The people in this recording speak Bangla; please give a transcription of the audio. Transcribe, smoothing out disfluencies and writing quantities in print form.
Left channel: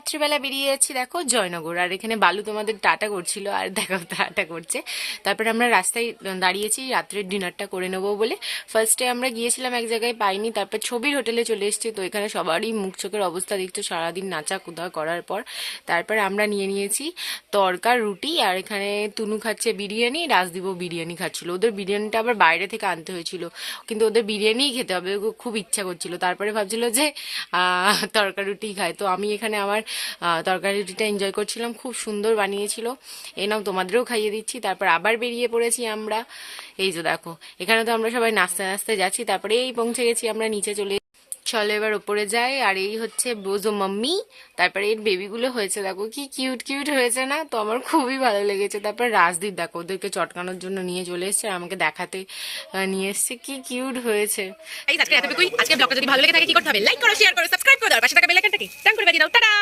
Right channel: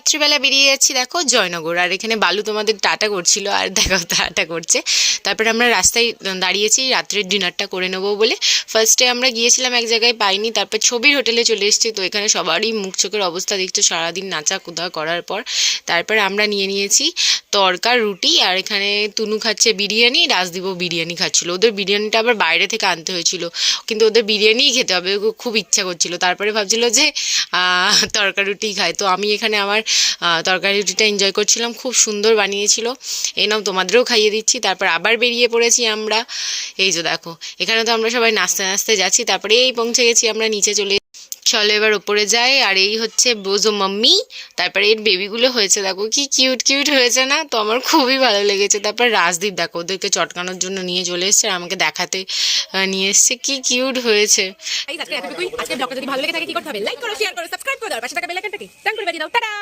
রাত্রিবেলা বেরিয়ে যাচ্ছি দেখো জয়নগর, আর এখানে বালু তোমাদের টাটা করছিল আর দেখো টাটা করছে। তারপরে আমরা রাস্তায় দাঁড়িয়েছি রাত্রের ডিনারটা করে নেবো বলে। ফার্স্টে আমরা গিয়েছিলাম এক জায়গায়, পাইনি, তারপর ছবির হোটেলে চলে এসেছি। তো এখানে সবারই মুখ চোখের অবস্থা দেখছো সারাদিন নাচা কুদা করার পর। তারপরে আমরা নিয়ে নিয়েছি তরকা রুটি, আর এখানে তুনু খাচ্ছে বিরিয়ানি, রাজদীপও বিরিয়ানি খাচ্ছিল। ওদের বিরিয়ানিটা আবার বাইরে থেকে আনতে হয়েছিল, কিন্তু ওদের বিরিয়ানিই খেতে হবে, খুব ইচ্ছা করছিল। তারপরে ভাবছিল যে তরকা রুটি খায়। তো আমি এখানে আমার তরকারি রুটিটা এনজয় করছিলাম, খুব সুন্দর বানিয়েছিল। এই নাও তোমাদেরও খাইয়ে দিচ্ছি। তারপর আবার বেরিয়ে পড়েছি আমরা। এই যে দেখো এখানে তো আমরা সবাই নাচতে নাচতে যাচ্ছি। তারপরে এই পৌঁছে গেছি আমরা, নিচে চলে। চলো এবার ওপরে যাই। আর এই হচ্ছে বোজো মাম্মি। তারপরে এর বেবিগুলো হয়েছে দেখো কি কিউট কিউট হয়েছে না, তো আমার খুবই ভালো লেগেছে। তারপর রাজদীপ দেখো ওদেরকে চটকানোর জন্য নিয়ে চলে এসছে, আর আমাকে দেখাতে নিয়ে এসছে, কি কিউট হয়েছে। আজকে এতটুকুই। আজকে ব্লগটা যদি ভালো লেগে থাকে কি করতে হবে? লাইক করো, শেয়ার করো, সাবস্ক্রাইব করো, আর পাশে থাকা বেল আইকনটাকে টান করে বাজিয়ে দাও। টাটা।